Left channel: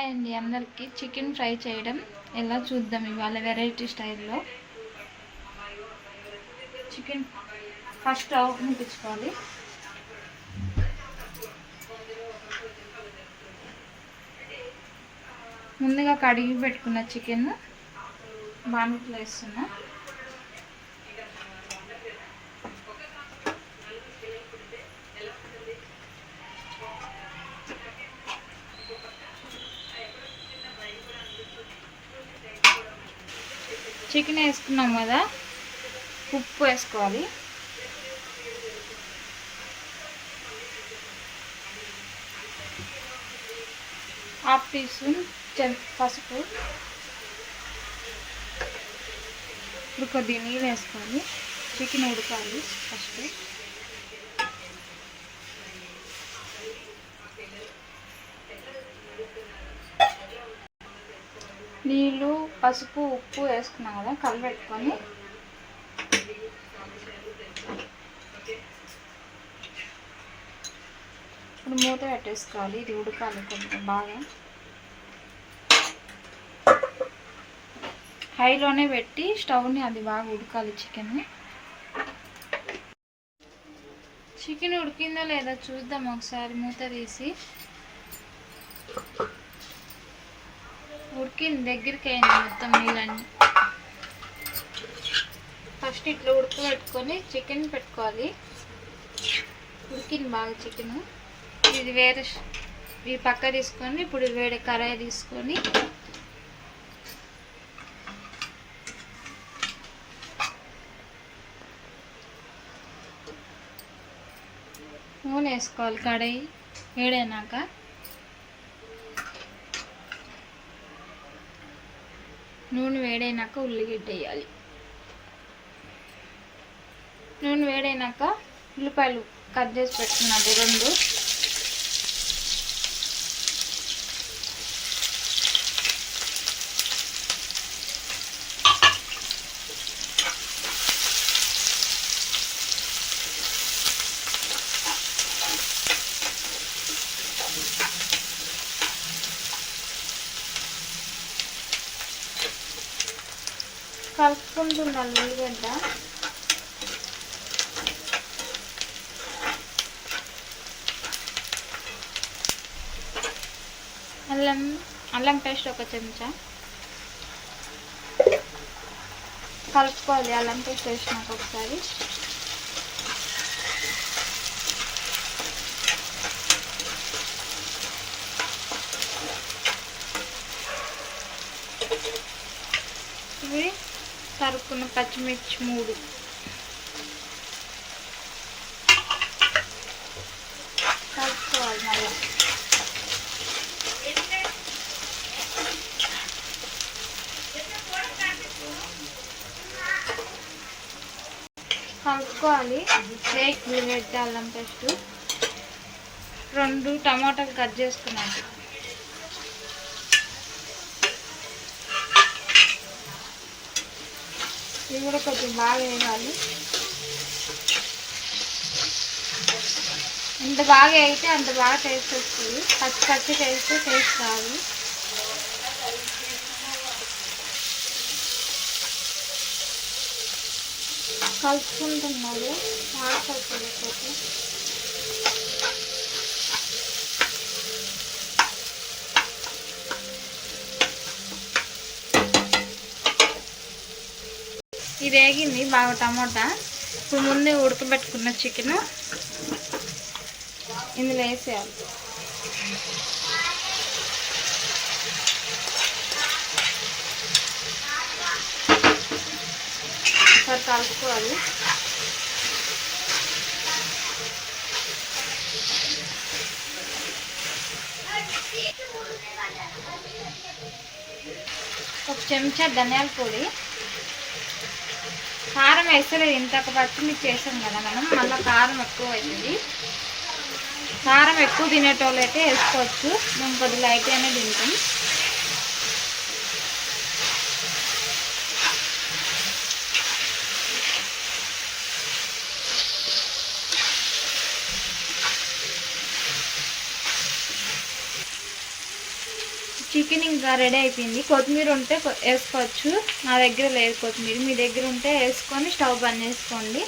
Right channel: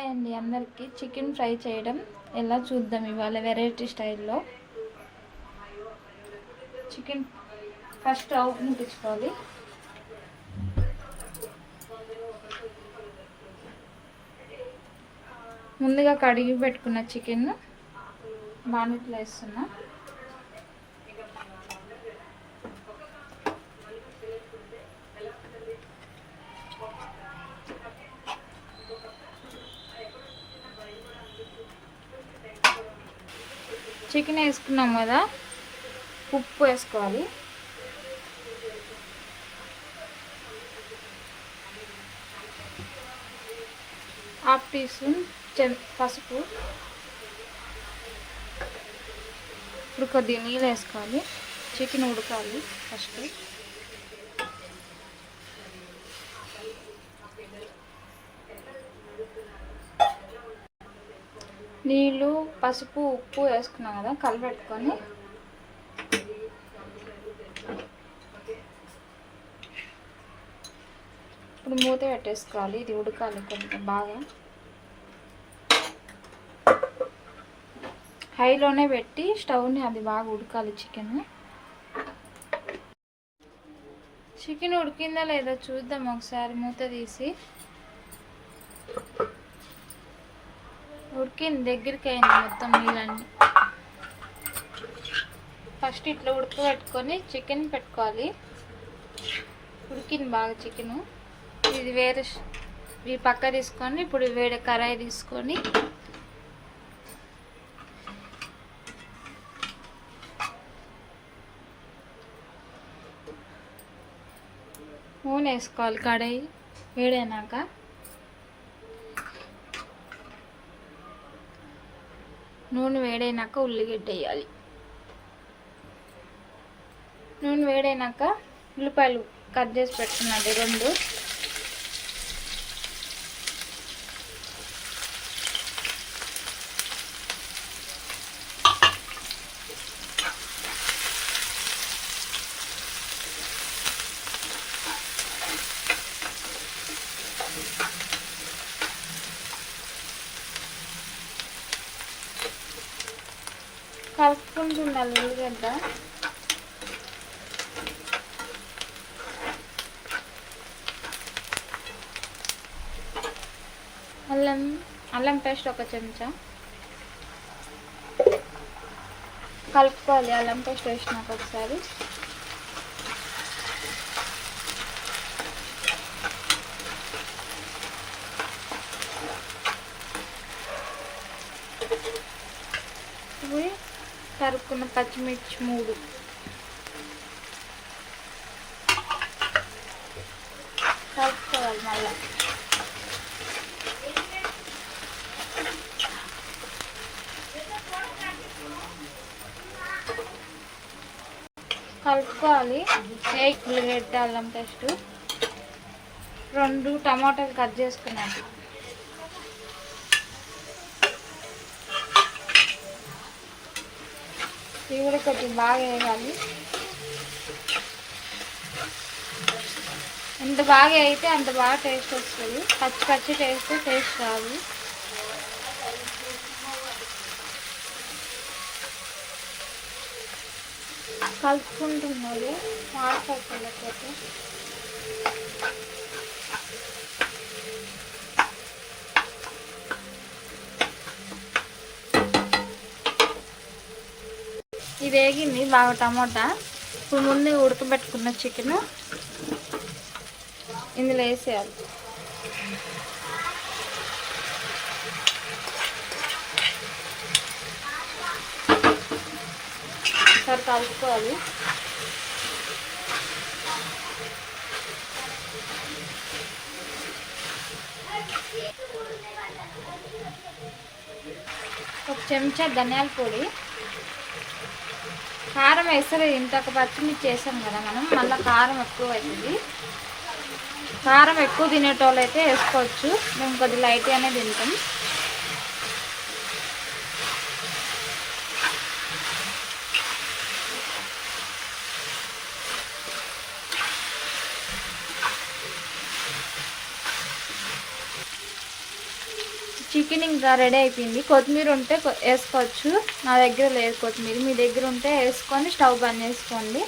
Hi అండి అందరికీ. Chicken fry చేయడం ఎలా చూద్దాం ఇవాళ వెరైటీ స్టైల్లో. చికెన్ ఫస్ట్ స్టవ్ ముట్టించుకోవాలి. ముందుగా కడిగి పెట్టుకున్న చికెన్ బాండిలో వేస్తున్నా. చికెన్ వేసుకున్నాం కదా, ఉప్పు వేసుకోవాలి. హాఫ్ టీ స్పూన్ పసుపు. ఇప్పుడు కొద్దిగా నీళ్ళు వేసుకోవాలి. చికెన్ ఉడకాలి ఫస్ట్. నీళ్ళు, పసుపు, ఉప్పు వేసుకున్నాం కదా, కలిపెట్టుకొని ఇప్పుడు మూత పెట్టేసుకోవాలి. ఇది ఉడకాలి కొంచెం బాగా. హైలోనే పెట్టి స్టవ్ని అది బాగా ఉడకాలి. చికెన్ ఉడికిందా లేదా చూద్దాం ఒకసారి. మూత తీసి ఉడికింది, దగ్గరికి అయింది మొత్తం నీళ్ళని. ఫస్ట్ ఇట్లా ఉడకబెట్టుకొని చికెన్ పెట్టుకోవాలి. ఉడికింది బాగా చికెన్. ఇది వేరే ఈ పక్క తీసుకొని ఇప్పుడు వేరే కడాయి తీసుకొని నూనె వేసుకోవాలి. కడాయి వేడైనాక ఉల్లిగడ్డ వేయాలి. నూనె వేడైనాక ఉల్లిపాయలు కట్ చేసి పెట్టుకున్నాడు 2. కలుపుకుంటున్నాను ఉల్లిగడ్డ. అల్లం పేస్ట్ 1 చెంచా కలుపుకోవాలి. అల్లం పేస్ట్ వేసినాక ఒకసారి ఇవి తరుక్కున్న పచ్చిమిర్చి 3 కలుపుకోవాలి. మళ్ళీ కలుపుకోవాలి. ఉల్లిగడ్డ, అల్లం పేస్ట్, 2 టమాటాలు కట్ చేసుకున్నాను. ఇవి కూడా కొంచెం బాగా వేయాలి. ఎంత బాగా అయితే అంత బాగా టేస్ట్ వస్తుంది. పచ్చి చేస్తే టేస్ట్ రాదు. కలుపుకుంటున్నాము మాడపడుతున్నట్లయితే. ఇది వేగింది బాగా టమాటా. ఇప్పుడు ముందే ఉడకబెట్టుకున్న చికెను ఇందులో వేసేయాలి. ఒకసారి కలుపుకోవాలి. ఒక చెంచా ధనియాల పొడి. కారం వేస్తలేదు, ఇంతక పచ్చిమిర్చి వేసాం కదా మనం, మళ్ళీ కారం ఎక్కువ అవుతుంది. కారం ఎక్కువ తినేటోళ్ళు అయితే వేసుకోవచ్చు. మేము కొద్దిగా లైట్గానే తింటాం. చికెన్ ఇంకా రెడీ అయిపోయింది. కొత్తిమీర ఉంటే వేసుకోవచ్చు. నా దగ్గర లేదు కొత్తిమీర, మీ దగ్గర ఉంటే వేసుకొని స్టవ్ బంద్ చేసుకోండి.